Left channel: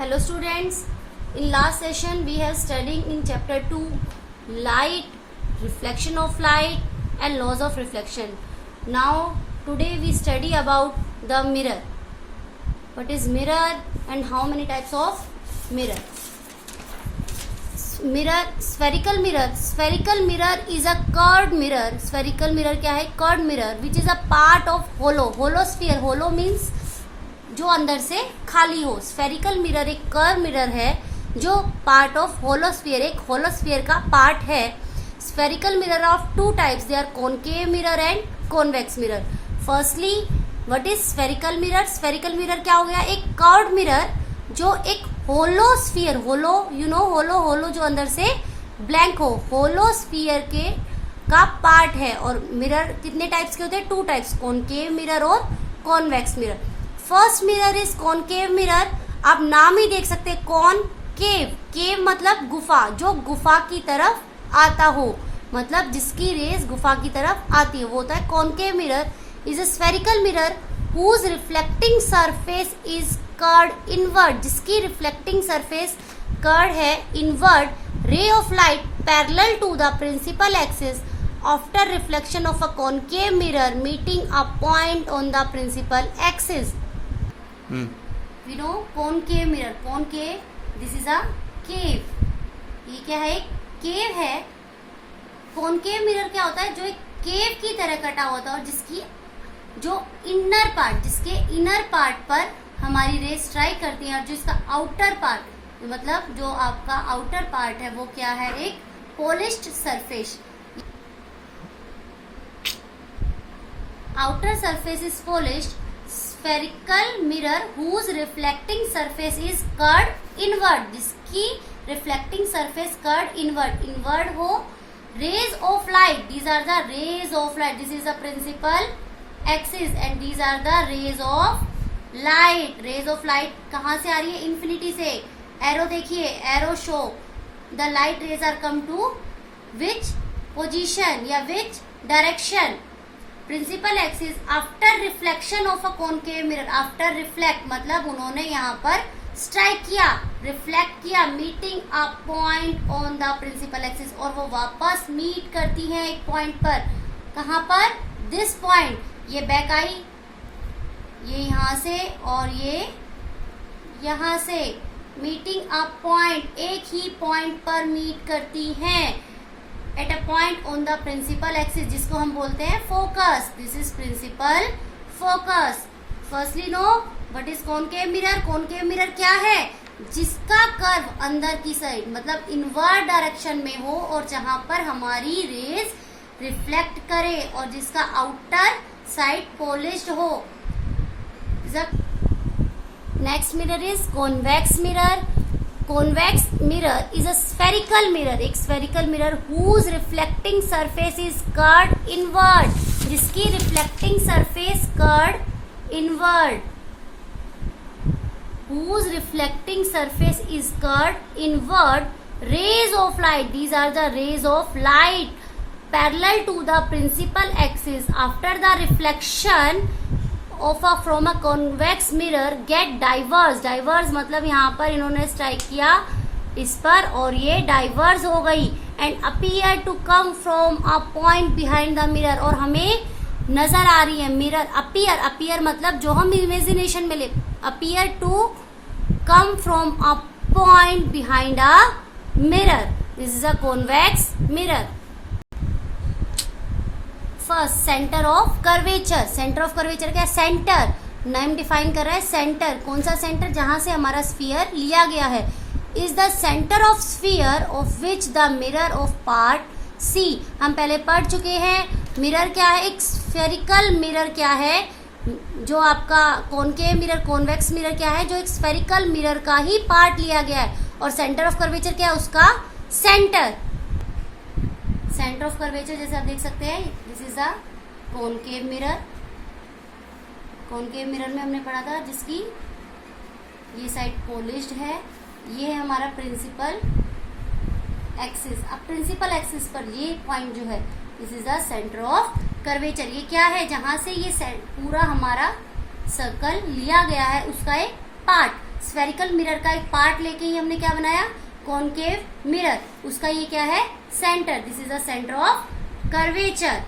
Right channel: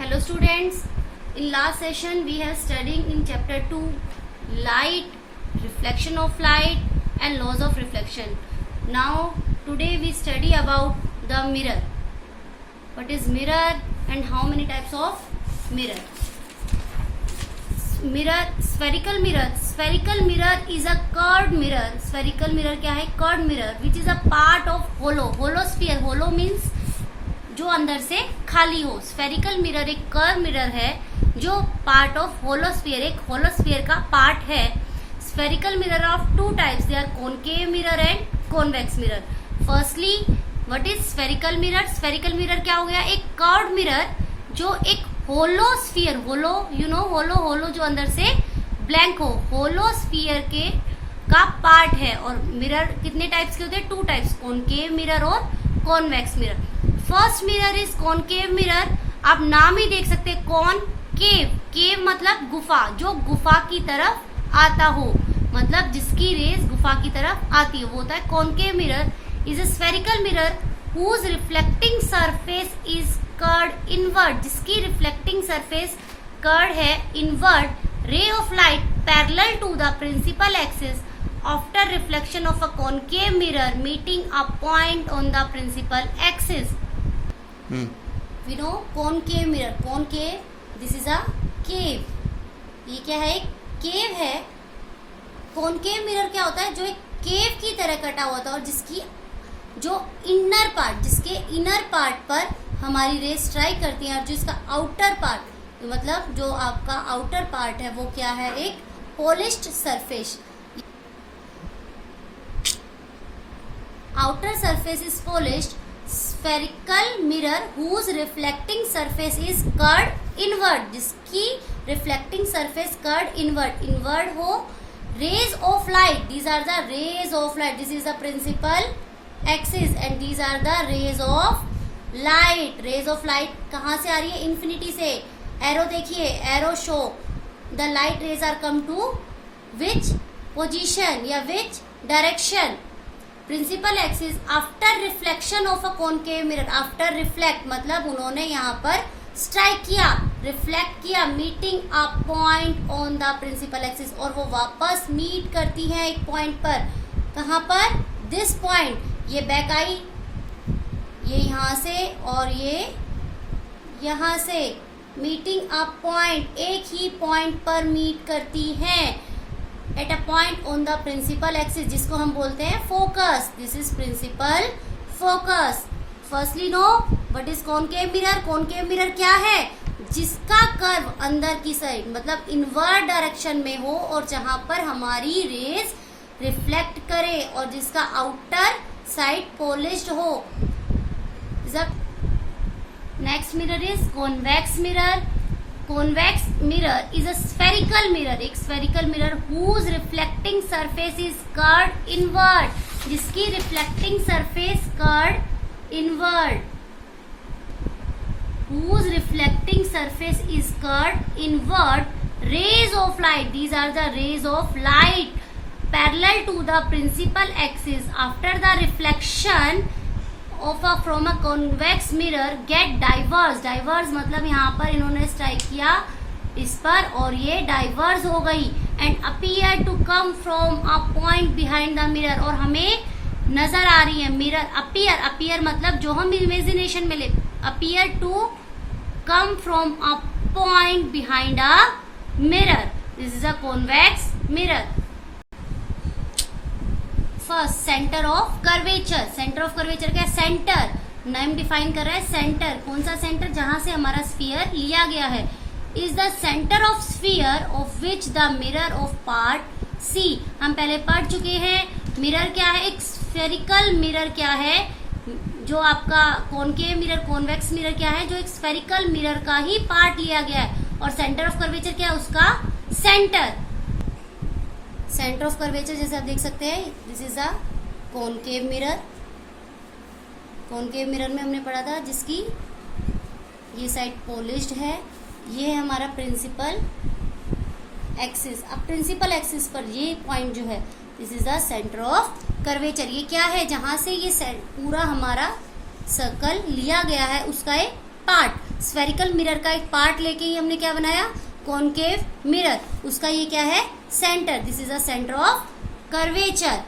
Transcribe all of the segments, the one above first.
Hello students, in last session we have studied in chapter 2 light, reflection of light and laws of reflection. Now today we study about the mirror. What is mirror and how many types of mirror? Mirror, spherical mirror. Spherical mirror is a curved mirror. Spherical mirror क्या है? Curved mirror which is a part of hollow. Hollow sphere. Hollow means जो अंदर से खाली हो. Spherical mirror एक curve mirror है जो पार्ट ऑफ होलोस्फीयर, एक होलोस्फीयर का पार्ट है. Spherical mirror of two types, they are concave mirror and convex mirror. Firstly what is spherical mirror? Spherical mirror क्या हो गया? एक कर्व्ड मिरर जो एक होलोस्फीयर, होलो यू नो, होलो जो अंदर से ब्लैंक हो, होलोस्फीयर के का पार्ट है. और मिरर कितने टाइप्स के होते हैं? टू टाइप्स, कॉनकेव मिरर और convex mirror. First mirror is concave mirror. आप नाम ही देख सकते हैं, कॉनकेव. केव मतलब गुफा, जो गुफा की तरफ आता हो, मतलब जिसकी रेस गुफा की तरफ आती है, वो होता है concave mirror. Is a spherical mirror whose reflecting surface is curved inward, जिसकी रिफ्लेक्टिंग सरफेस कर्व्ड है inward. Ray of light parallel to the principal axis after reflection of a concave mirror meeting a point on the principal axis. We know concave mirror. Concave, this is a cave. ये क्या है? एक केव है. concave mirror क्या होता है? जो एक केव की तरह कटा हुआ था और जिसकी जो इनर पार्ट, जिसके इनर पार्ट पर हमारी रेस स्ट्राइक करती है, और जो इसका आउटर पार्ट, मतलब जो आपका आउटर पार्ट है वो क्या है? एक polished surface. Outer surface is polished. Spherical mirror whose reflecting surface is curved inward, जिसकी reflecting surface curved inward. Inward हो. Rays of light, these are the rays of light. This is the principal axis and these are the rays of light. Rays of light कहाँ से आ रही है? infinity से. Arrow देखिए, arrow show the light rays are come to which position या which direction. Principal axis after reflection of a concave mirror. After reflect मतलब उन्होंने यहाँ पर स्ट्राइक किया, रिफ्लेक्ट किया, meeting a point on the principal axis, और वो वापस मीट करती है एक पॉइंट पर. कहाँ पर? This point. ये बैक आई, ये यहाँ से और ये यहाँ से, मीटिंग अ पॉइंट, एक ही पॉइंट पर मीट करती हैं. At a point on the principal axis, जिसको हम बोलते हैं focus. This is principal focus. Firstly know what is concave mirror. Concave mirror क्या है? जिसका कर्व अंदर की साइड, मतलब इनवर्ड डायरेक्शन में हो और जहां पर हमारी रेस रिफ्लेक्ट करे और जिसका आउटर साइड पॉलिश्ड हो. Next mirror is convex mirror. Convex mirror is a spherical mirror, एक spherical mirror whose reflecting surface is curved inward, जिसकी reflecting surface curved inward, whose reflecting surface is curved inward. Rays of light, these are the rays of light parallel to the principal axis after the reflection of a from a convex mirror get diverged. diverge मतलब यहाँ पर इन्होंने strike किया इस पर और ये diverse हो गई. And appear to come from a point behind the mirror, और हमें नजर आ रही है मिरर. अपीयर, अपीयर मतलब जो हम इमेजिनेशन में ले, appear to come from a point behind a mirror. This is a convex mirror. First, centre of curvature. Centre of curvature क्या है? सेंटर, नेम डिफाइन कर रहा है. सेंटर, कौन सा सेंटर? जहां से हमारा स्फीयर लिया गया है. Is the centre of sphere of which the mirror of part C. हम पहले पढ़ चुके हैं मिरर क्या है. एक स्फेरिकल मिरर क्या है? जो आपका कॉनकेव मिरर, कॉन्वेक्स मिरर क्या है? जो एक स्फेरिकल मिरर का ही पार्ट लिया गया है. और सेंटर ऑफ कर्वेचर क्या है? उसका सेंटर. सेंटर ऑफ कर्वेचर जैसे आप देख सकते हैं, this is a concave mirror. Concave mirror में हमने पढ़ा था जिसकी ये साइड पॉलिश्ड है. ये है हमारा प्रिंसिपल एक्सिस. अब प्रिंसिपल एक्सिस पर ये पॉइंट जो है, this is the centre of curvature. ये क्या है? जहां से ये पूरा हमारा सर्कल लिया गया है उसका एक पार्ट. स्फेरिकल मिरर का एक पार्ट लेके ही हमने क्या बनाया, कॉनकेव मिरर। उसका ये क्या है, centre, this is the centre of curvature.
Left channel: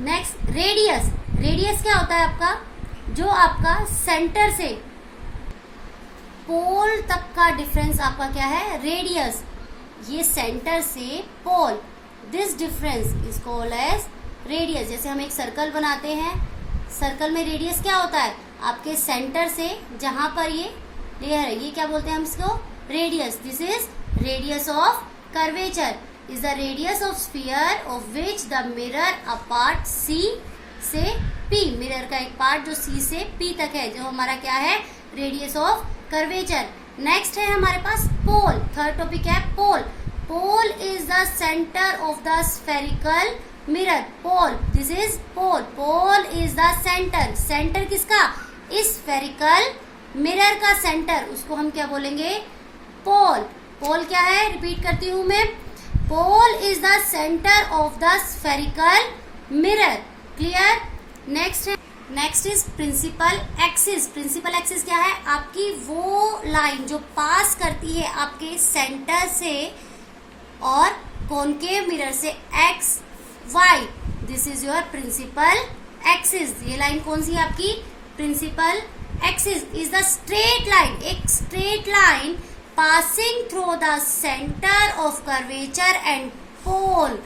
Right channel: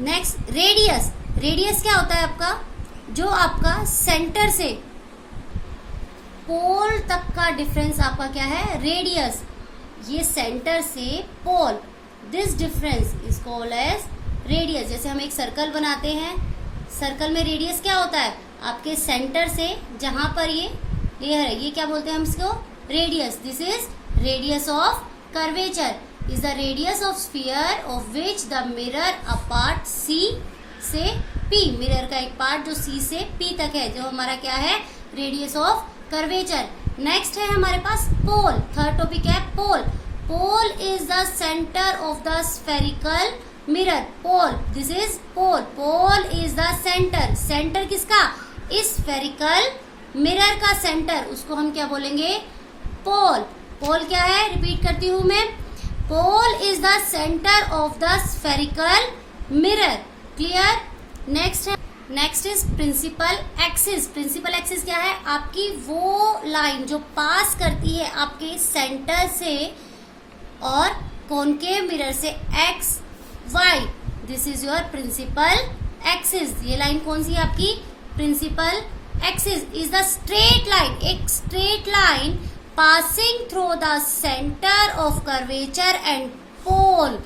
Next radius. Radius क्या होता है आपका, जो आपका सेंटर से पोल तक का डिफरेंस आपका क्या है, रेडियस। ये सेंटर से pole, this difference is called as radius. जैसे हम एक सर्कल बनाते हैं, सर्कल में रेडियस क्या होता है, आपके सेंटर से जहां पर ये लेयर है, ये क्या बोलते हैं हम इसको, radius. This is radius of curvature is the radius of sphere of which the mirror a part C से पी। मिरर का एक पार्ट जो सी से पी तक है, जो हमारा क्या है, रेडियस ऑफ कर्वेचर। नेक्स्ट है हमारे पास पोल। थर्ड टॉपिक है pole. Pole is the centre of the spherical mirror. Pole, this is pole. Pole is the centre. Centre किसका, इस स्फेरिकल मिरर का सेंटर, उसको हम क्या बोलेंगे, पोल। पोल क्या है, रिपीट करती हूं मैं, pole is the centre of the spherical mirror. Clear. Next is principal axis. Principal axis क्या है, आपकी वो लाइन जो पास करती है आपके सेंटर से और कॉनकेव मिरर से X Y, this is your principal axis. ये लाइन कौन सी है आपकी, principal axis is the straight line, एक straight line passing through the centre of curvature and pole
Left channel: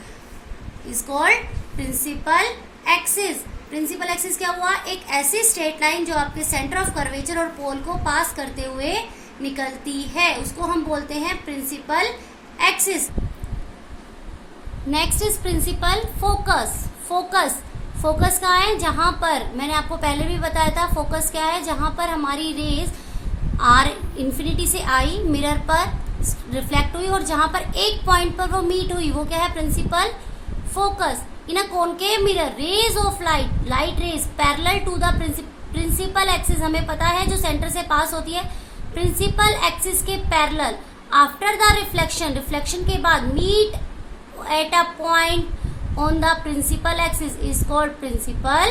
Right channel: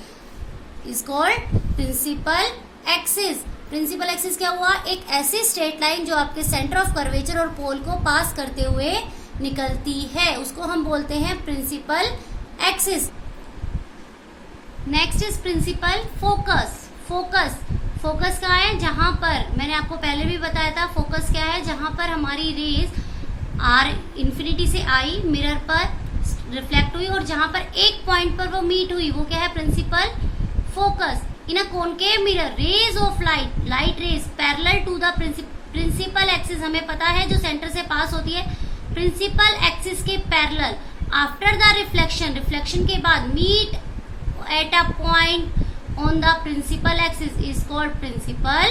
is called principal axis. Principal axis क्या हुआ, एक ऐसी स्ट्रेट लाइन जो आपके सेंटर ऑफ कर्वेचर और पोल को पास करते हुए निकलती है, उसको हम बोलते हैं principal axis. Next is principal focus. Focus कहाँ है, जहां पर मैंने आपको पहले भी बताया था, फोकस क्या है, जहां पर हमारी रेज आर इन्फिनिटी से आई, मिरर पर रिफ्लेक्ट हुई और जहां पर एक पॉइंट पर वो मीट हुई, वो क्या है, principal focus. In a concave mirror rays of light rays parallel to the principal axis, हमें पता है जो सेंटर से पास होती है प्रिंसिपल एक्सिस के पैरेलल, आफ्टर द रिफ्लेक्शन के बाद meet at a point on the principal axis is called principal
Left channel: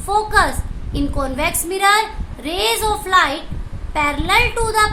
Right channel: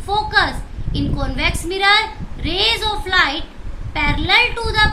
focus. In convex mirror, rays of light parallel to the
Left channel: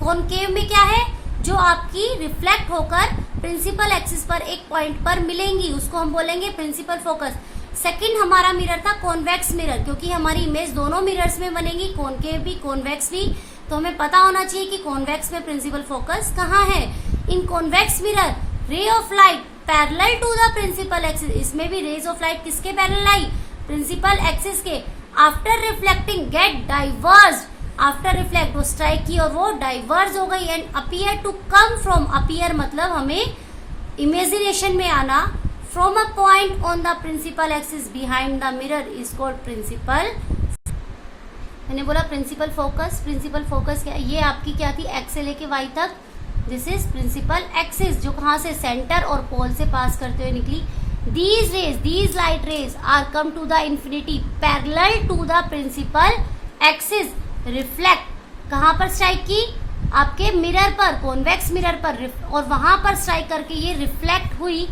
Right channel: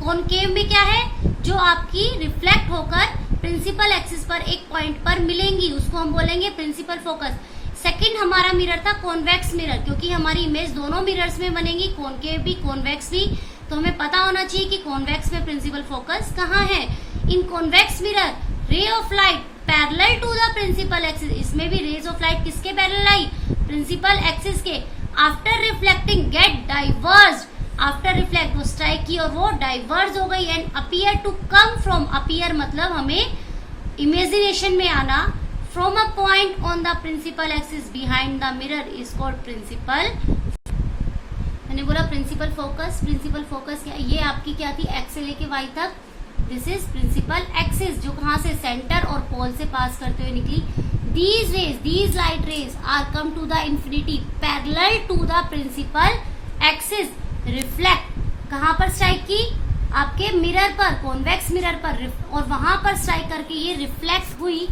concave में क्या है, जो आपकी रिफ्लेक्ट होकर प्रिंसिपल एक्सिस पर एक पॉइंट पर मिलेंगी, उसको हम बोलेंगे प्रिंसिपल फोकस। सेकंड हमारा मिरर था कॉन्वेक्स मिरर, क्योंकि हमारी इमेज दोनों मिरर्स में बनेगी, कॉनकेव भी कॉन्वेक्स भी, तो हमें पता होना चाहिए कि कॉन्वेक्स में प्रिंसिपल फोकस कहाँ है। In convex mirror ray of light parallel to the principal axis, इसमें भी रेज ऑफ लाइट किसके पैरेलल आई, प्रिंसिपल एक्सिस के। After reflecting get diverge, after reflect वो स्ट्राइक की और वो डाइवर्ज हो गई and appear to come from, appear मतलब हमें इमेजिनेशन में आना, from a point on the principal axis behind the mirror is called principal. मैंने बोला प्रिंसिपल फोकस। प्रिंसिपल फोकस क्या, ये आपकी क्या थी, एक्स से लेके वाई तक, दिस इज प्रिंसिपल एक्सिस, जो कहां से, सेंटर और पोल से पास करते हुए निकली। These rays, these light rays are come to the infinity parallel to the principal axis, reflect कहां पर स्ट्राइक की, आपके मिरर पर, कॉन्वेक्स मिरर पर, और वहां पर स्ट्राइक करके ये रिफ्लेक्ट हुई,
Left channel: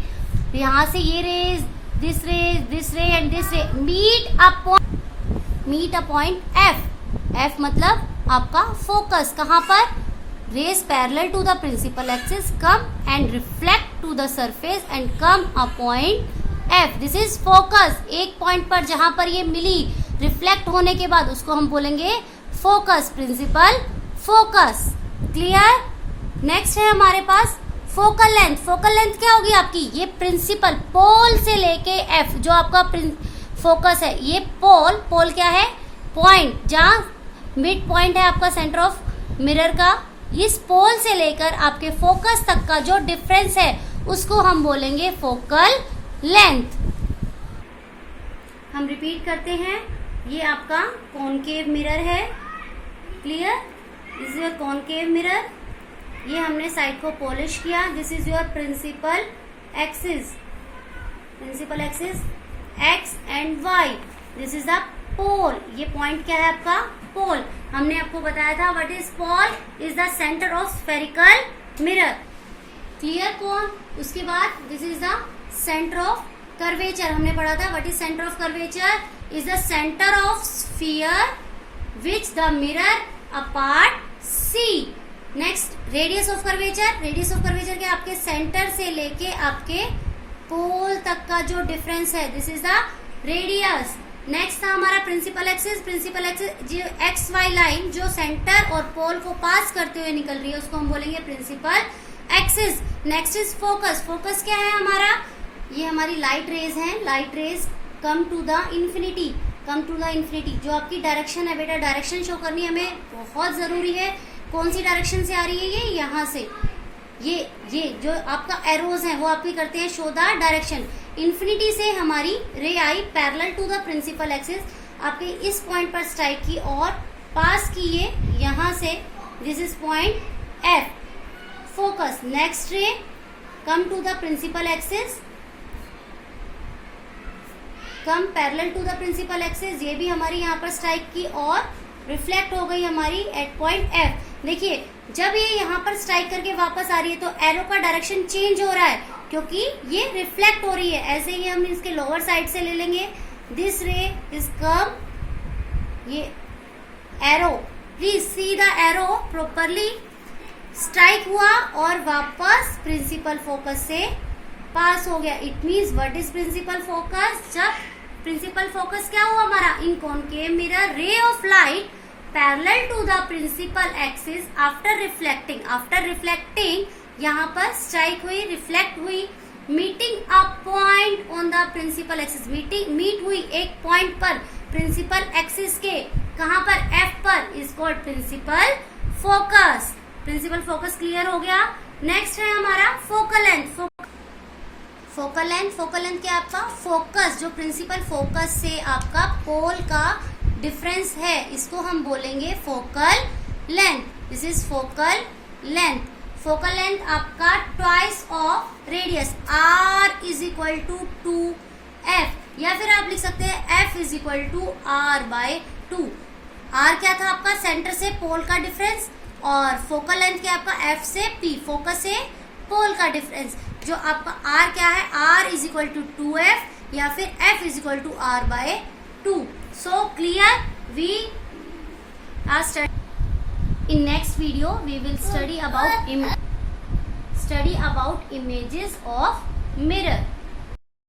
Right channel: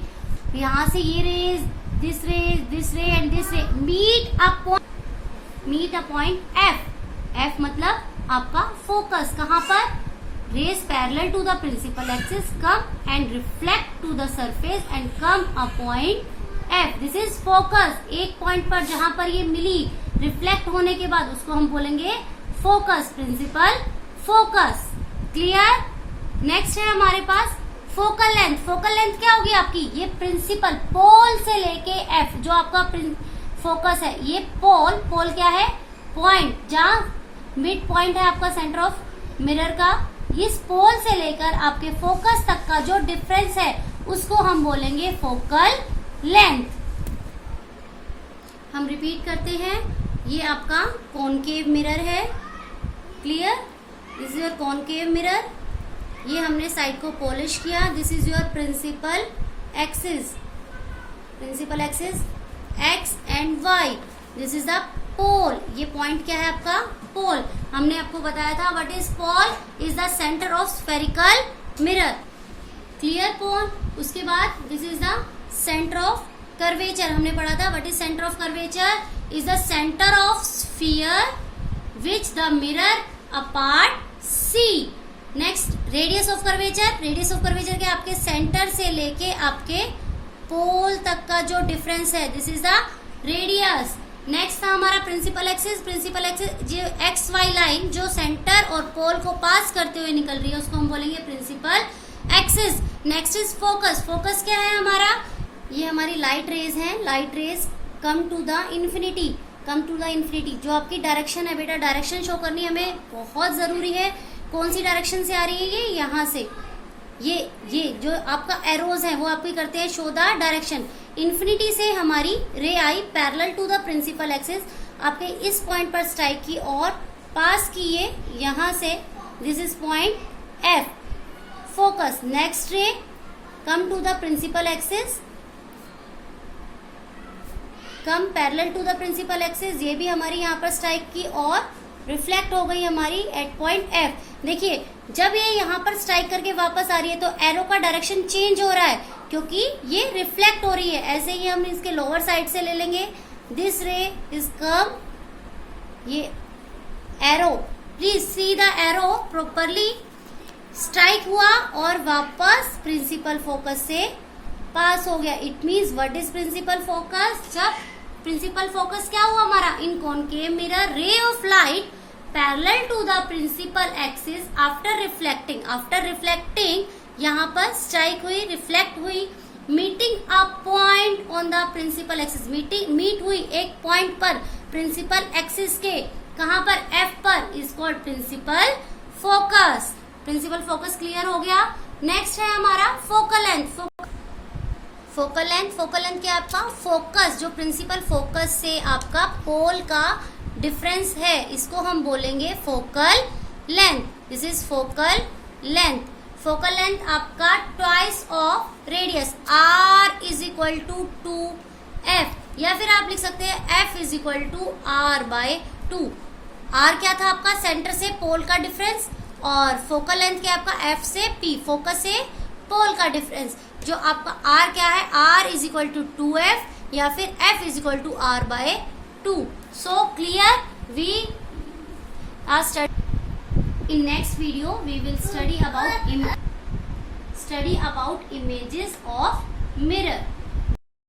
यहां से ये rays, this ray and this ray meet a point F. F मतलब आपका फोकस, कहां पर, rays parallel to the principal axis come and reflect to the surface and come a point F. This is focus. एक point पर जहां पर ये मिली reflect होने के बाद उसको हम बोलेंगे focus, principal focus. Clear. Next है हमारे पास फोकल लेंथ। फोकल लेंथ क्या होगी आपकी, ये प्रिंसिपल पोल से लेके F, जो आपका फोकस है, ये पोल क्या है, पॉइंट, जहां मिड पॉइंट है आपका सेंटर ऑफ मिरर का, इस पोल से लेकर आपके फोकस तक का जो डिफरेंस है उसको हम बोलेंगे फोकल लेंथ। हम रिपीट करते हैं, ये आपका कॉनकेव मिरर है। Clear, this is your concave mirror, ये हमने साइड को पॉलिश किया। This is your principal axis, principal axis X and Y, this is the pole, ये पॉइंट क्या है आपका, पोल। हमने आपको बताया था what is pole, is the centre of spherical mirror. Clear pole. उसके बाद this is the centre of curvature, हमने पढ़ा था what is centre of curvature, is the centre of sphere which the mirror a part radius of curvature के आपके centre से लेके आपके पोल तक का जो डिफरेंस है, this is the radius. Next था हमारा प्रिंसिपल एक्सिस जो एक्स वाई लाइन जो सेंटर और पोल को पास करते हुए निकल रही है उसको हम बोलेंगे principal axis. Next is focus क्या है हमारा, ये हमारी लाइट रेज है, light rays come to the infinity जो आपकी डायरेक्शन है बेटा, डायरेक्शन शो करनी हमें बहुत जरूरी है। कौन सी डायरेक्शन से आ रही है, ये यहाँ से, ये जो आपका एरोज है वो आपकी करते हैं शो द डायरेक्शन। इन्फिनिटी से हमारी रे आई parallel to the principal axis, आपके इस पॉइंट पर स्ट्राइक की और पास किए यहाँ से, this is point F. Focus next ray come to the principal axis, come parallel to the principal axis, ये भी हमारी यहाँ पर स्ट्राइक की और रिफ्लेक्ट हो गई हमारी एट पॉइंट एफ। देखिए जब ये यहाँ पर स्ट्राइक करके वापस आ रही है तो एरो का डायरेक्शन चेंज हो रहा है क्योंकि ये रिफ्लेक्ट हो रही है। ऐसे ही हम इसके लोअर साइड से ले लेंगे, दिस रे इज कम, ये arrow, please see the arrow properly, strike हुआ और वापस प्रिंसिपल फोकस से पास हो गया। It means what is principal focus, जब प्रिंसिपल फोकस क्या हुआ हमारा, in concave mirror ray of light parallel to the principal axis after reflecting यहाँ पर स्ट्राइक हुई, रिफ्लेक्ट हुई, meeting a point on the principal axis, meet हुई एक पॉइंट पर प्रिंसिपल एक्सिस के, कहाँ पर, एफ पर, is called principal focus. Principal focus clear हो गया। नेक्स्ट है हमारा फोकल लेंथ क्या आपका, फोकस जो प्रिंसिपल फोकस से आपका पोल का डिफरेंस है इसको हम बोलेंगे focal length. This is focal length आपका twice of radius, r is equal to 2f, या फिर आप लिख सकते हैं f is equal to r/2। r क्या था आपका, सेंटर से पोल का डिफरेंस, और फोकल लेंथ क्या आपका, f से p, फोकस से पोल का डिफरेंस। जो आपका r क्या है, r is equal to 2f या फिर f is equal to r/2। So clear, we are study in next video we will study about images of mirror.